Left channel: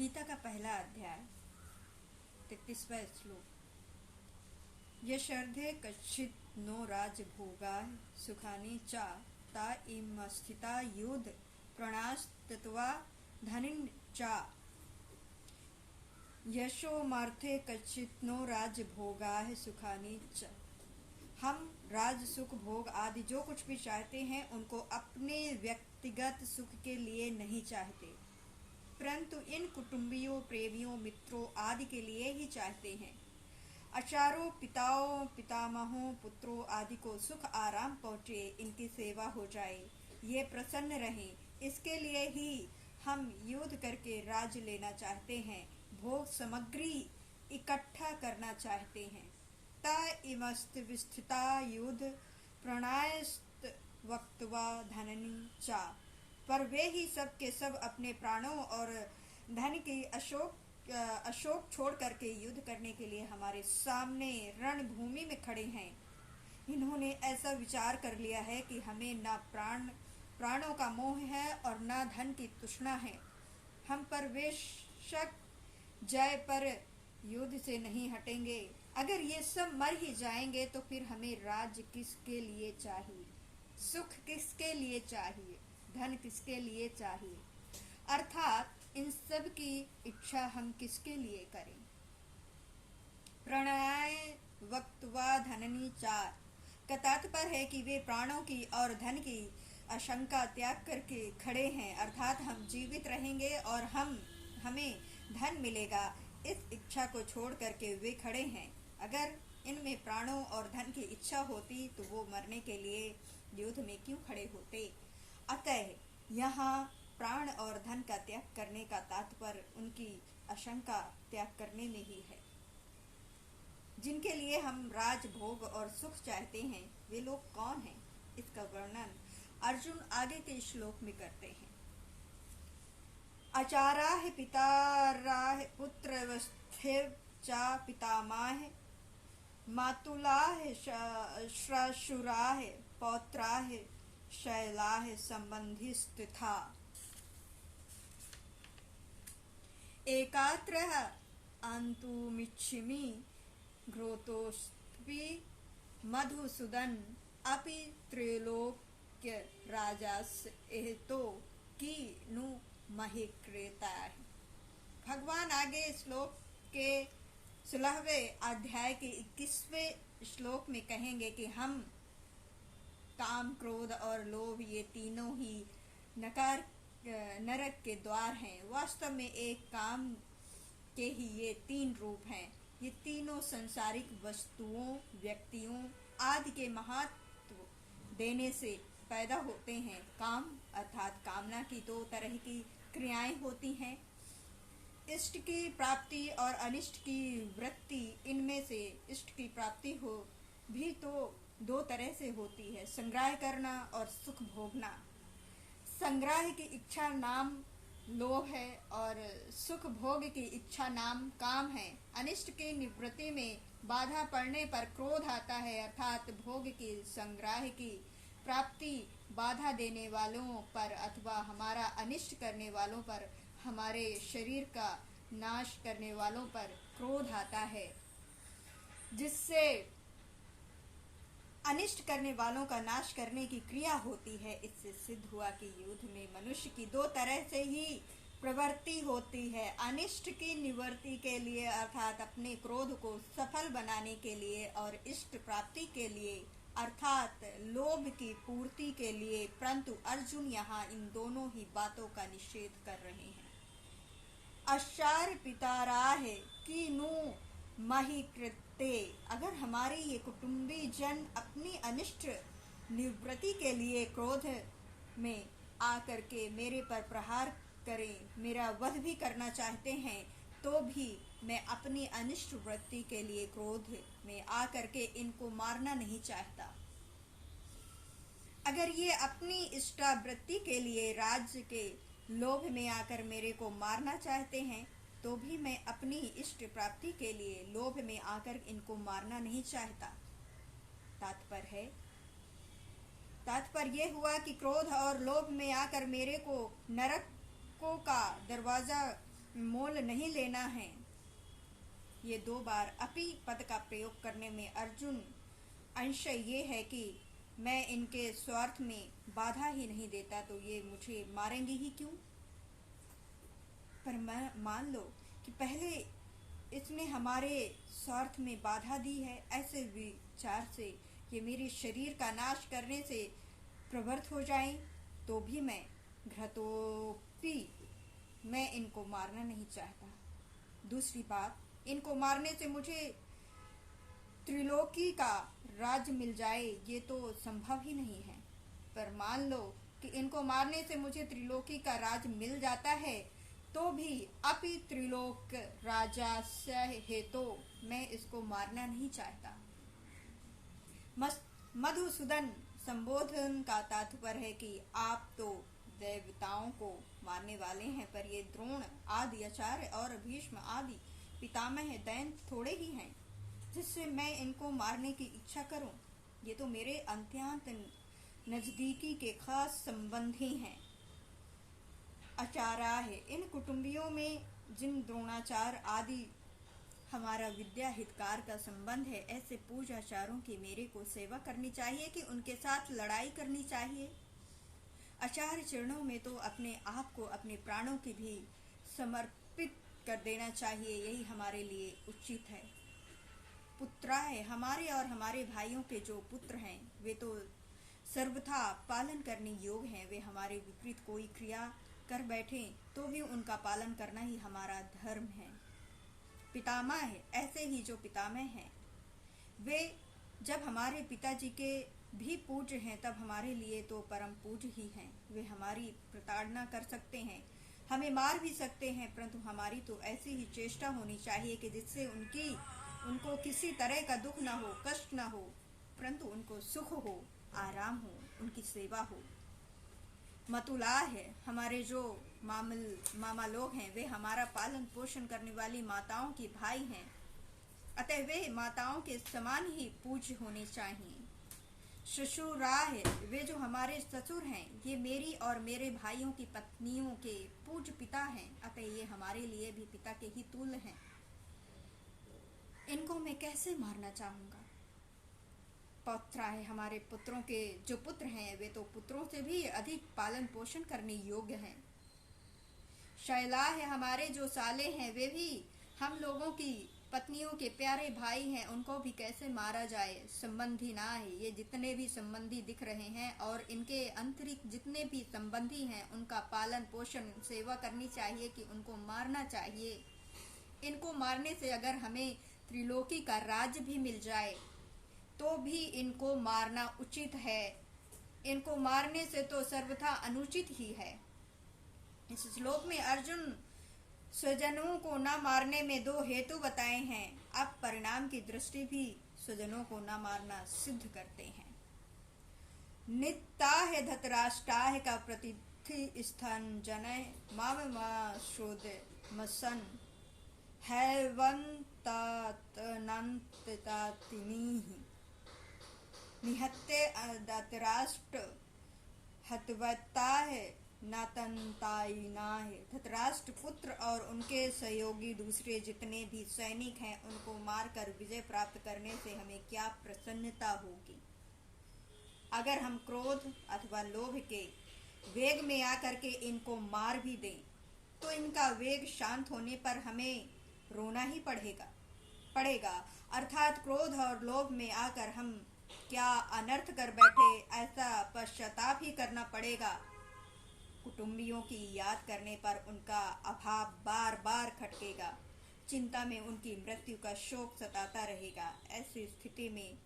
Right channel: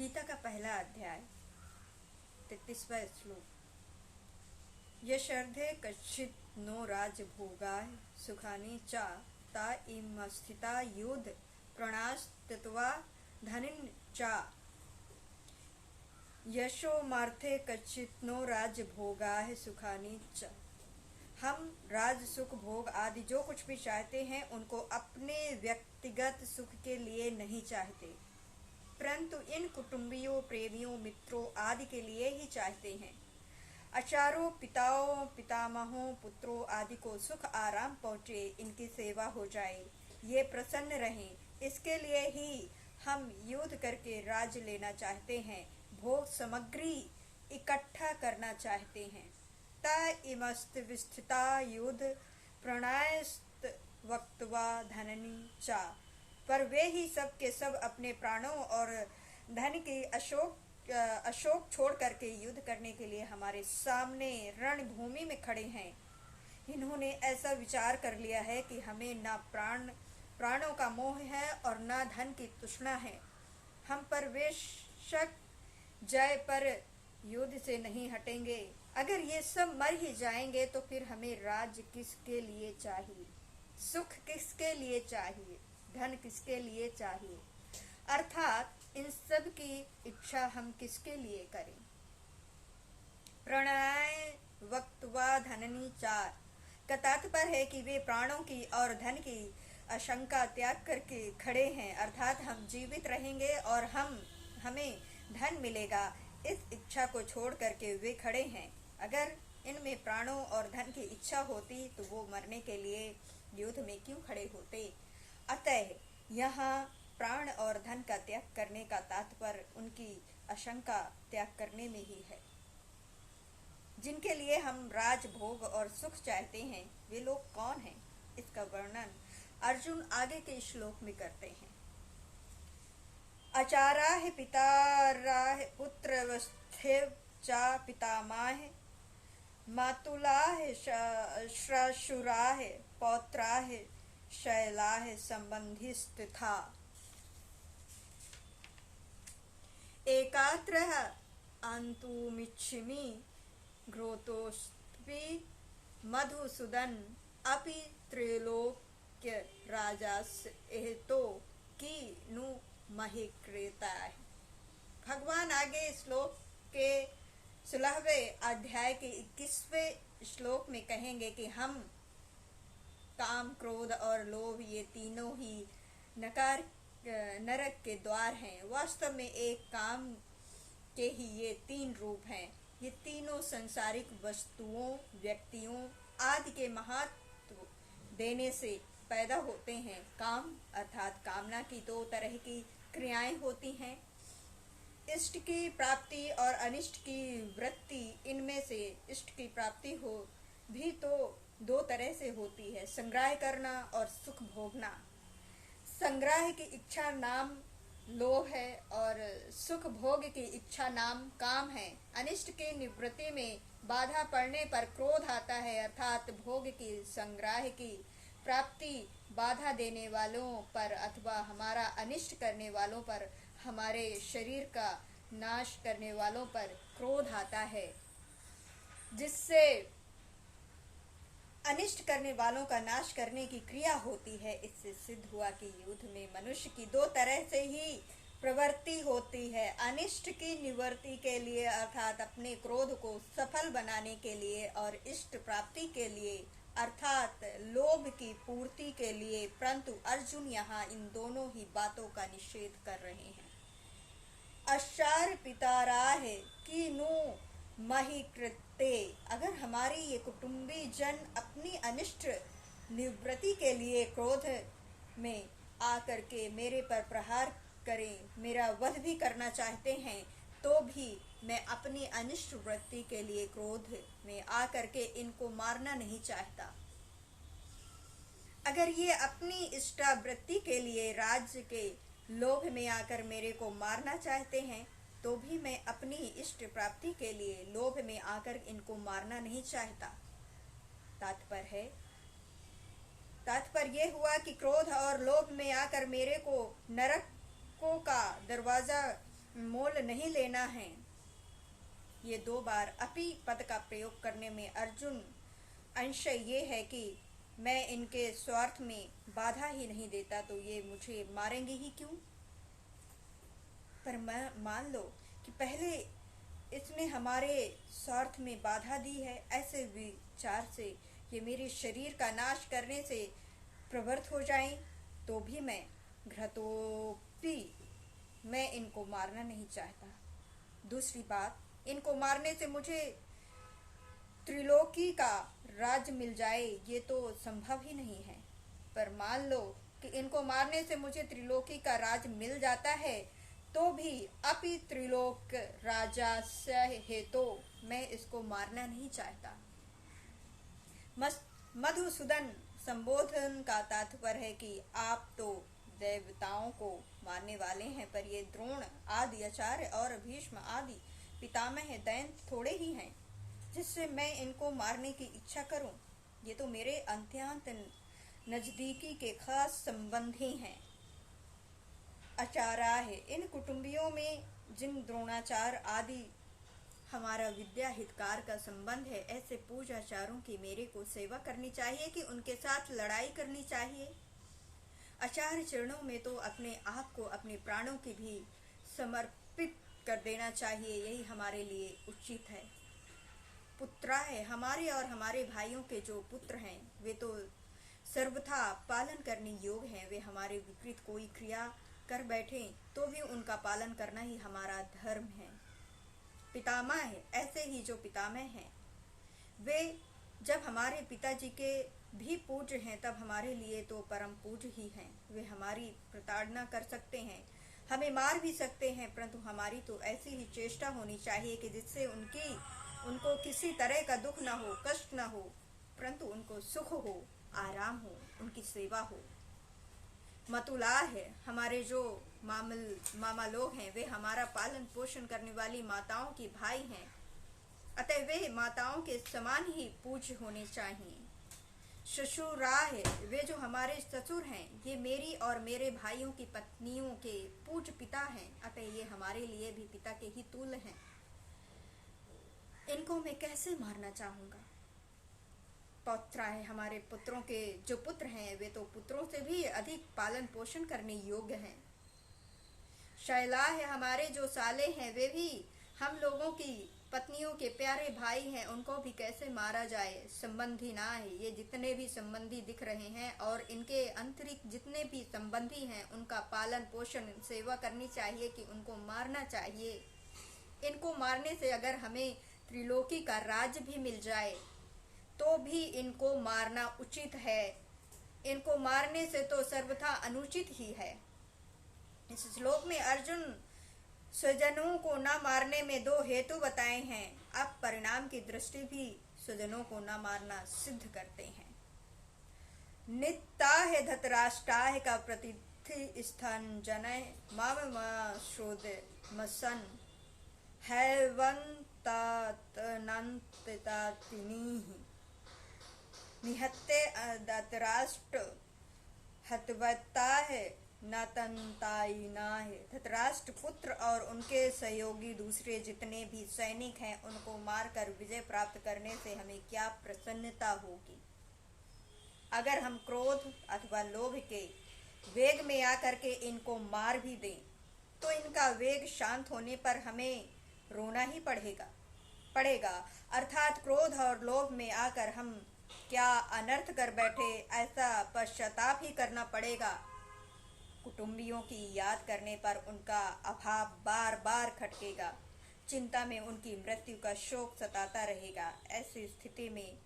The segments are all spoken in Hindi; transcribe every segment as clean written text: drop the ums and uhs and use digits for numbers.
गीता का पहला अध्याय 33वां श्लोक। यशर्धे कच्चित् नो राजभोगाः सुखानि च ता इमस्थिता युद्ध प्रणास्तत्वा धनिन् च। यशोमार्थे कच्चित् नो राजभोगाः सुखानि च। हम राज सुख भोग आदि जो कुछ भी चाहते हैं उनको अपने व्यक्तिगत सुख के लिए नहीं चाहते, परंतु इन कुटुंबियों, प्रेमियों, मित्रों आदि के लिए ही चाहते हैं। आचार्यों, पिताओं, पितामहों, पुत्रों आदि को सुख आराम पहुँचे, इनकी सेवा हो जाए, ये प्रसन्न रहें, इसके लिए ही हम युद्ध करके राज लेना चाहते हैं, भोग सामग्री इकट्ठा करना चाहते हैं। ता इमस्त विस्थिता युद्ध प्रणायस्त वक्तवा धननी चा। पर वे ही सब के सब अपने प्राणों और धन की अशोक छोड़ करके युद्ध करने के लिए हमारे सामने रणभूमि में खड़े हैं। इन्होंने ऐसा विचार कर लिया है कि हमें न प्राणों का मोह है और न धन की तृष्णा है। हम पर बेशक जय पर युद्ध से नहीं हटेंगे। अगर ये सब मर ही जाएंगे तो फिर हमें राज्य किसके लिए चाहिए, सुख किसके लिए चाहिए, धन किसके लिए चाहिए, अर्थात इन सब की इच्छा हम किसके लिए करें। प्रणय वक्तवा धननी चार का तात्पर्य है कि वे प्राणों की और धन की आशंका त्याग करके खड़े हैं, अर्थात हम जीवित रहेंगे और हमें धन मिलेगा, इस इच्छा को छोड़ करके वे खड़े हैं। अगर इनमें प्राणों और धन की इच्छा होती तो वो मरने के लिए युद्ध में क्यों खड़े होते। अतः यहाँ प्राण और धन का त्याग करने का तात्पर्य उनकी आशंका त्याग करने में ही है। जिनके लिए हम राज भोग और सुख चाहते हैं वे लोग कौन हैं, इसका वर्णन अर्जुन आगे के श्लोक में करते हैं। आचार्याः पिताराः पुत्रवस्थेव च पितामहाः मातुलाः श्वशुराः पौत्राः शैलाः सम्बन्धिस्तथा। एकात्रः अन्तुमिच्छामि घ्रोतोऽस्मि मधुसूदन अपि त्रैलोक्य राजस्य एतो की नु महे क्रेता। भगवान आगे श्लोक के 16वें अध्याय के 21वें श्लोक में कहेंगे कि हम काम, क्रोध और लोभ ये तीनों ही नरक के द्वार हैं। वास्तव में एक काम के ही ये तीन रूप हैं। ये तीनों सांसारिक वस्तुओं, व्यक्तियों आदि के महत्व देने से पैदा होते हैं। काम अर्थात कामना की दो तरह की क्रियाएं होती हैं, इष्ट की प्राप्ति और अनिष्ट की वृत्ति। इनमें से इष्ट की प्राप्ति हो भी तो दो तरह से होती है, संग्रह करना और सुख भोगना। संग्रह की इच्छा नाम लोभ है और सुख भोग की इच्छा नाम काम है। अनिष्ट की निवृत्ति में बाधा पड़ने पर क्रोध आता है, अर्थात भोग की संग्रह की प्राप्ति बाधा देने वालों पर अथवा हमारा अनिष्ट करने वालों पर, हमारे शरीर का नाश करने वालों पर क्रोध आता है, जिससे अनिष्ट करने वालों का नाश करने की क्रिया होती है। इससे सिद्ध हुआ कि युद्ध में मनुष्य की दो तरह से ही प्रवृत्ति होती है, अनिष्ट की निवृत्ति के लिए अर्थात अपने क्रोध को सफल बनाने के लिए और इष्ट प्राप्ति के लिए अर्थात लोभ की पूर्ति के लिए। परंतु अर्जुन यहाँ इन दोनों ही बातों का निषेध कर रहे हैं। आचार्य पिताराः कीनु महि कृते। अगर हमारे ये कुटुंबी जन अपनी अनिष्ट निवृत्ति के लिए क्रोध में आकर के मेरे पर प्रहार करें, मेरा वध भी करना चाहते हैं, तो भी मैं अपनी अनिष्ट वृत्ति के लिए क्रोध में आकर के इनको मारना नहीं चाहता। अगर ये अपनी इष्टावृत्ति के लिए राज्य के लोभ में आकर मेरे को मारना चाहते हैं, तो भी मैं अपनी इष्ट प्राप्ति के लिए लोभ में आकर इनको मारना नहीं चाहता। तात्पर्य यह हुआ कि क्रोध और लोभ में आकर मेरे को नरकों का दरवाजा मोल नहीं लेना है। ये 2 बार अपी पद का प्रयोग करने में अर्जुन अंशय ये है कि मैं इनके स्वार्थ में बाधा ही नहीं देता तो ये मुझे मारेंगे ही क्यों। पर मान लो कि पहले इसने हमारे स्वार्थ में बाधा दी है, ऐसे विचार से ये मेरे शरीर का नाश करने से प्रवृत्त हो जाएं, तो भी मैं घृतोपी मैं इनको मारना नहीं चाहता। दूसरी बात, इनको मारने से मुझे त्रिलोकी का राज मिल जाए ये तो संभव ही नहीं है। पर मान लो कि इनको मारने से मुझे त्रिलोकी का राज मिल जाता है, तो भी अपि त्रिलोक राजस्य हेतु मैं इसको मारना नहीं चाहता। मधुसूदन संबोधन का तात्पर्य है कि आप तो देवताओं को मारने वाले हैं, पर ये द्रोण आदि आचार्य और भीष्म आदि पितामह दैत्य थोड़े ही हैं जिससे मैं इनको मारने की इच्छा करूं। ये तो मेरे अत्यंत नजदीकी के खास संबंधी हैं। आचार्य है, इन कुटुंबियों में जिन द्रोणाचार्य आदि हमारा विद्या हितकार का संबंध है, ऐसे पूजाचारों की मेरे को सेवा करनी चाहिए कि उनके साथ लड़ाई करनी चाहिए। आचार्य चरणों में तो अपने आप को, अपने प्राणों की भी समर्पित कर देना चाहिए, यही हमारे लिए उचित है। पुत्रा है, हमारे और हमारे भाइयों के जो पुत्र हैं वे तो सर्वथा पालन करने योग्य हैं। वे हमारे विपरीत कोई क्रिया कर बैठे तो भी उनका पालन करना ही हमारा धर्म है। पितामह है, ऐसे ही जो पितामह हैं वे जब हमारे पिताजी के भी पूज्य हैं तब हमारे लिए तो परम पूज्य ही हैं। वे हमारी प्रताड़ना कर सकते हैं, हमें मार भी सकते हैं, परंतु हमारी तो ऐसी ही चेष्टा होनी चाहिए कि जिससे उनको किसी तरह का दुख ना हो, कष्ट ना हो, परंतु उनको सुख हो, आराम हो, उनकी सेवा हो। मतुला है, हमारे जो मामा लोग हैं वे हमारा पालन पोषण करने वाली माताओं की भाई हैं, अतः वे माताओं के समान ही पूज्य होने चाहिए। ससुरा है, वे जो हमारे ससुर हैं ये मेरी और मेरे भाइयों की पत्नियों के पूज्य पिता हैं, अतः ये हमारे लिए भी पिता के ही तुल्य हैं। इनको मैं कैसे मारना चाहूंगा। पौत्रा है, हमारे पुत्रों के जो पुत्र हैं वे तो पुत्रों से भी अधिक पालन पोषण करने योग्य हैं। शैला है, हमारे जो साले हैं वे भी हम लोगों की पत्नियों के प्यारे भाई हैं, उनको भी कैसे मारा जाए। संबंधी ना है, ये जितने भी संबंधी दिख रहे हैं और इनके अंतरिक्ष जितने भी संबंधी हैं उनका पालन पोषण सेवा करनी चाहिए कि उनको मारना चाहिए। इनको मारने से अगर हमें त्रिलोकी का राज्य भी मिल जाए तो भी इनको मारना उचित है। इनको मारने से तो सर्वथा अनुचित ही है। इस श्लोक में अर्जुन स्वजनों को न मारने में 2 हेतु बताए हैं। अब परिणाम की दृष्टि भी स्वजनों को न मारना सिद्ध करते हैं। नित्ताह धतराष्ट्राह का प्रतिथि स्थान जनय माम श्रोद मसन हैवंतातनंततातिनीः निहत्ते धतराष्ट्र हतवत्ताह नातंतायिनाः। धतराष्ट्र पुत्र और उनके सहयोगी दूसरे जितने भी सैनिक हैं उनको मारकर विजय प्राप्त करने से हमें क्या प्रसन्नता होगी। अगर हम क्रोध अथवा लोभ के वेग में आकर के इनको मार भी दें तो इनका वेग शांत होने पर हमें रोना ही पड़ेगा। अर्थात क्रोध और लोभ में आकर हम क्या अनर्थ कर बैठे, ऐसा पश्चाताप ही करना पड़ेगा। कुटुंबियों की याद करने पर उनका अभाव बार बार खटकेगा, चिंता में उनकी मृत्यु का शोक सताता रहेगा। ऐसी स्थिति में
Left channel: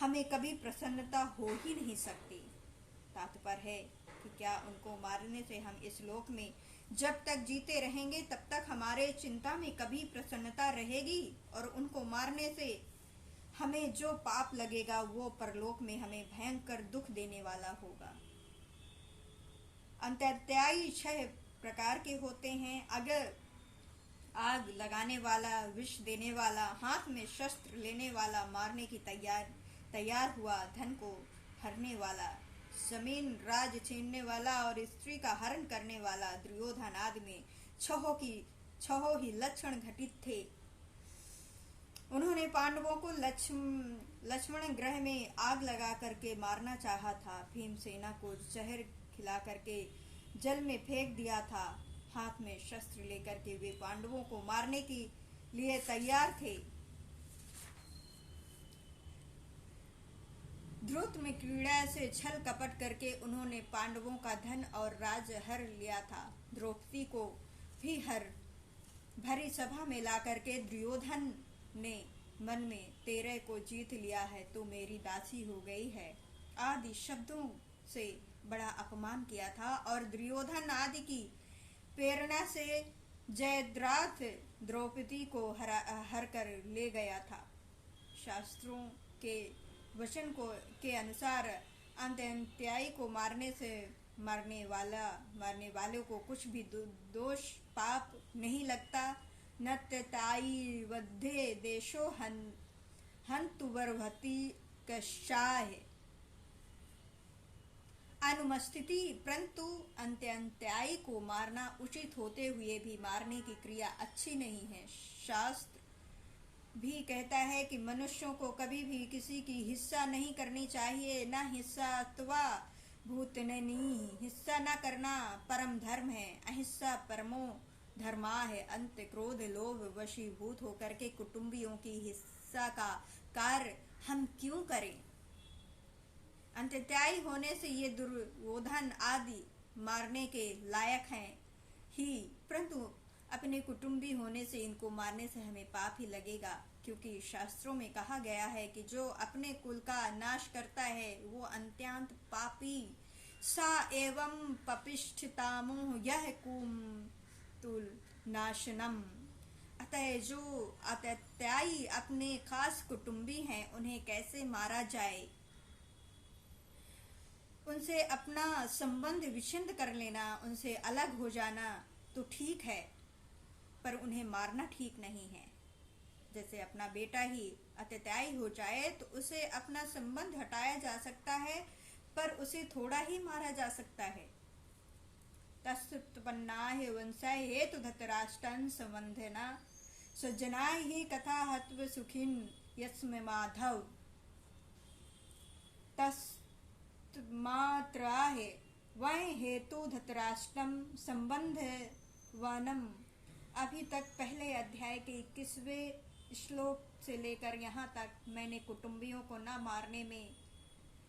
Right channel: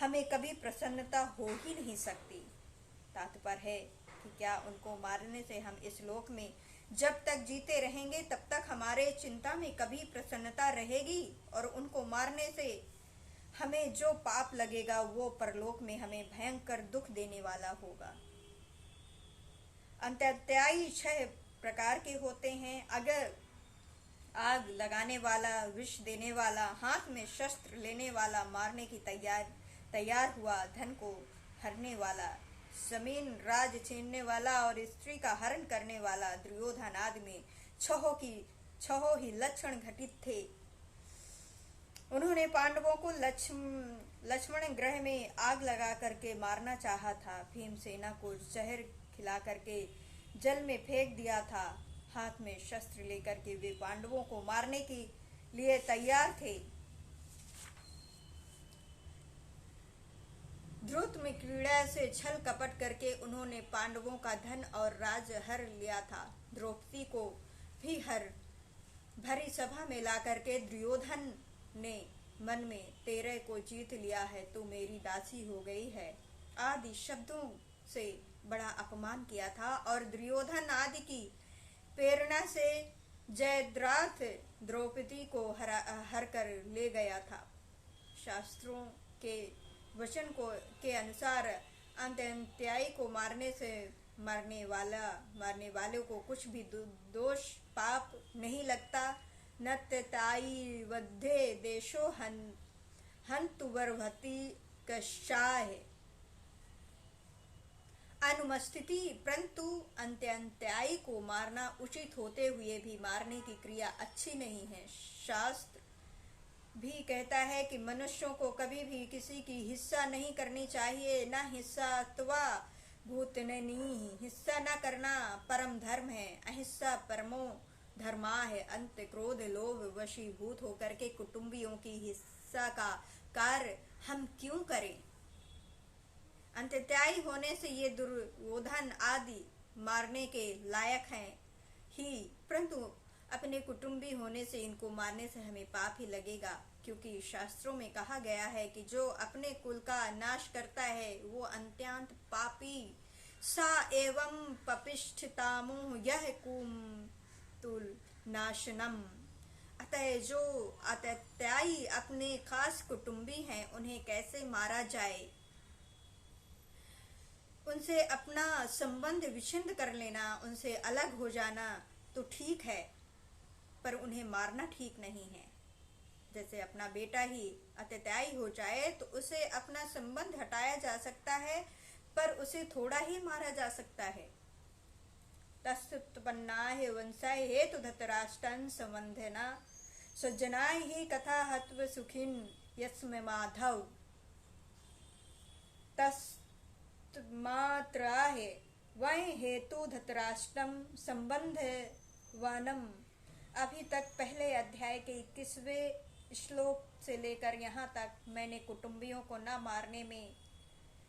हमें कभी प्रसन्नता हो ही नहीं सकती। तात्पर्य है कि क्या उनको मारने से हम इस लोक में जब तक जीते रहेंगे तब तक हमारे चिंता में कभी प्रसन्नता रहेगी, और उनको मारने से हमें जो पाप लगेगा वो परलोक में हमें भयंकर दुख देने वाला होगा। अंत्याध्यायी 6 प्रकार के होते हैं। अगर आग लगाने वाला, विष देने वाला, हाथ में शस्त्र लेने वाला, मारने की तैयार हुआ, धन को हरने वाला, जमीन राज छीनने वाला और स्त्री का हरण करने वाला, दुर्योधन आदि में छहों ही लक्षण घटित थे। उन्होंने पांडवों को लक्ष्मण ग्रह में आग लगा करके मारना चाहा था। भीमसेना को जहर खिला करके जल में फेंक दिया था। हाथ में शस्त्र लेकर के वे पांडवों को मारने के लिए तैयार थे। द्रुत में क्रीड़ा से छल कपट करके उन्होंने पांडवों का धन और राज हर लिया था। द्रौपदी को भी हर भरी सभा में ला करके दुर्योधन ने मन में तेरे को जीत लिया है, तू मेरी दासी हो गई है आदि शब्दों से बड़ा अपमान किया था और दुर्योधन आदि की प्रेरणा से जयद्रथ द्रौपदी को हर कर ले गया था। शास्त्रों के वचन के अनुसार अंत्ययाई को मारने वाले को कुछ भी दोष पाप नहीं लगता। नत्यताई वध्ये देशो हंतु वर्भति कशाय अनुमस्थिति, परंतु अंत्ययाई को मारना उचित होते हुए भी मारने की क्रिया अच्छी नहीं है। शास्त्र भी कहता है कि मनुष्यों को कभी भी किसी की हिस्सा नहीं करनी चाहिए। न हिस्सा अथवा भूतननी, हिस्सा न करना परम धर्म है। अहिंसा परमो धर्मा है। अंत क्रोध लोभ वशीभूत होकर के कुटुंबियों की हिस्सा का कार्य हम क्यों करें। अंत्ययाई होने से ये दुर्योधन आदि मारने के लायक हैं ही, परंतु अपने कुटुंबी होने से इनको मारने से हमें पाप ही लगेगा, क्योंकि शास्त्रों में कहा गया है कि जो अपने कुल का नाश करता है वो अत्यंत पापी सा एवं पपिष्ठतामो यह कुमतुल नाशनम। अतः जो अंत्ययाई अपने खास कुटुंबी हैं उन्हें कैसे मारा जाए, उनसे अपना संबंध विच्छिन्न कर लेना, उनसे अलग हो जाना तो ठीक है, पर उन्हें मारना ठीक नहीं है। जैसे अपना बेटा ही अंत्ययाई हो जाए तो उसे अपना संबंध हटाया जा सकता है, पर उसे थोड़ा ही मारा जा सकता है। तत्पन्नाहि वंशाय हेतु धृतराष्ट्रं संबंधेना सज्जनाय ही कथा हत्व सुखिन यस्म माधव तस्मात्राह वह हेतु धृतराष्ट्रम संबंध वनम। अभी तक पहले अध्याय के 21वें श्लोक से लेकर यहाँ तक मैंने कुटुंबियों को न मारने में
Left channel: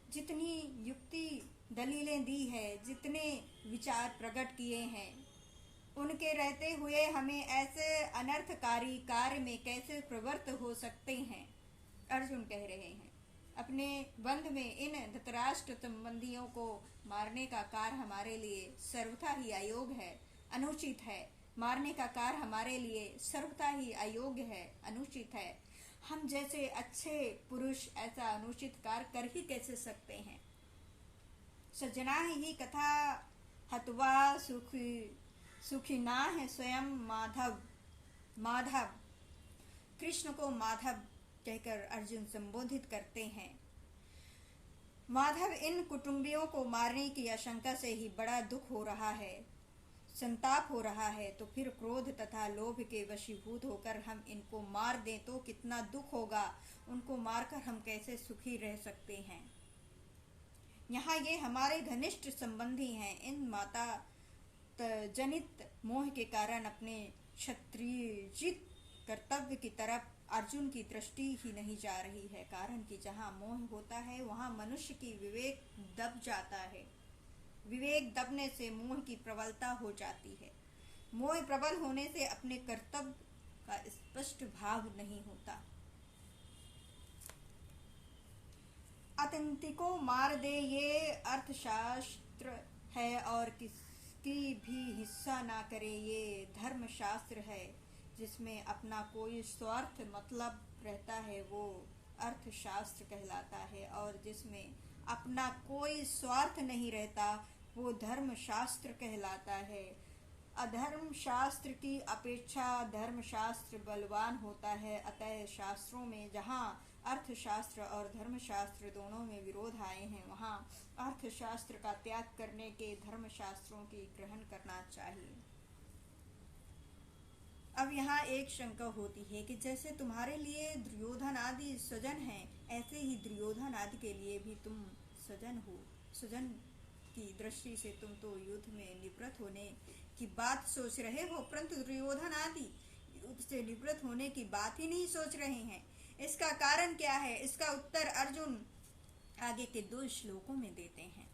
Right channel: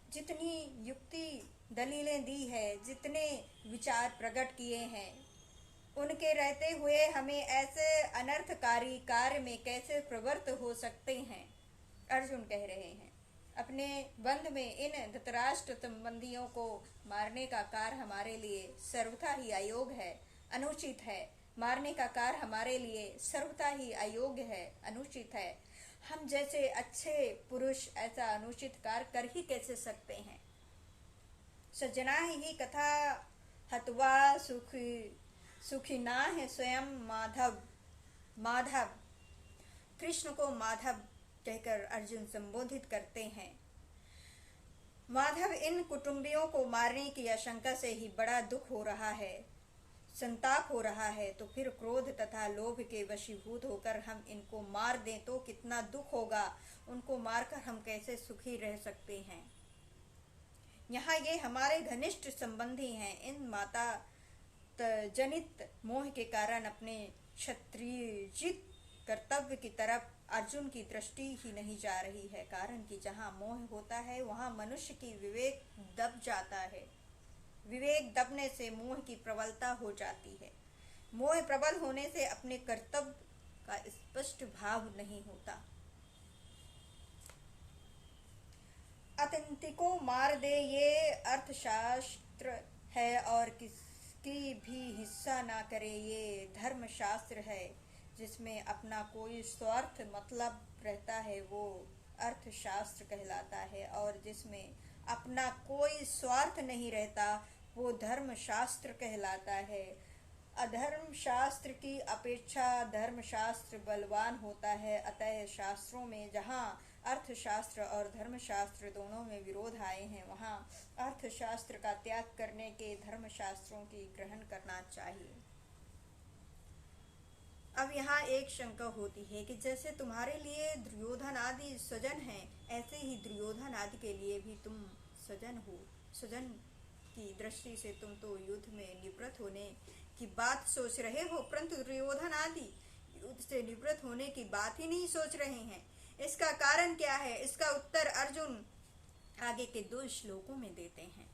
जितनी युक्ति दलीलें दी है, जितने विचार प्रकट किए हैं, उनके रहते हुए हमें ऐसे अनर्थकारी कार्य में कैसे प्रवृत्त हो सकते हैं। अर्जुन कह रहे हैं अपने बंध में इन धृतराष्ट्र संबंधियों को मारने का कार्य हमारे लिए सर्वथा ही अयोग्य है, अनुचित है। मारने का कार्य हमारे लिए सर्वथा ही अयोग्य है, अनुचित है। हम जैसे अच्छे पुरुष ऐसा अनुचित कार्य कर ही कैसे सकते हैं। सज्जना ही कथा हत्वा सुखिना है स्वयं माधव। कृष्ण को माधव कहकर अर्जुन संबोधित करते हैं। माधव इन कुटुंबियों को मारने की आशंका से ही बड़ा दुख हो रहा है, संताप हो रहा है, तो फिर क्रोध तथा लोभ के वशीभूत होकर हम इनको मार दें तो कितना दुख होगा। उनको मारकर हम कैसे सुखी रह सकते हैं। यहाँ ये हमारे घनिष्ठ संबंधी हैं। इन माता जनित मोह के कारण अपने क्षत्रियजित कर्तव्य की तरफ अर्जुन की दृष्टि ही नहीं जा रही है। कारण कि जहाँ मोह होता है वहाँ मनुष्य की विवेक दब जाता है। विवेक दबने से मोह की प्रबलता हो जाती है। मोह प्रबल होने से अपने कर्तव्य का स्पष्ट भाव नहीं होता। आतंकी को मार दे ये अर्थशास्त्र है और किसकी भी हिस्सा ना करे ये धर्मशास्त्र है। जिसमें अपना कोई स्वार्थ मतलब रहता है वो अर्थशास्त्र कहलाता है, और जिसमें अपना कोई स्वार्थ नहीं रहता वो धर्मशास्त्र कहलाता है। अधर्म शास्त्र की अपेक्षा धर्मशास्त्र बलवान होता है। अतः शास्त्रों में जहाँ अर्थशास्त्र और धर्मशास्त्र दोनों में विरोध आए हैं, वहाँ अर्थशास्त्र का त्याग करने के धर्मशास्त्रों की ग्रहण करना चाहिए। अब यहाँ एक शंका होती है कि जैसे तुम्हारे लिए दुर्योधन आदि स्वजन हैं, ऐसे ही दुर्योधन आदि के लिए भी तुम स्वजन हो। स्वजन की दृष्टि से तुम तो युद्ध में निवृत्त होने की बात सोच रहे हो, परंतु दुर्योधन आदि युद्ध से निवृत्त होने की बात ही नहीं सोच रहे हैं। इसका कारण क्या है? इसका उत्तर अर्जुन आगे के 2 श्लोकों में देते हैं।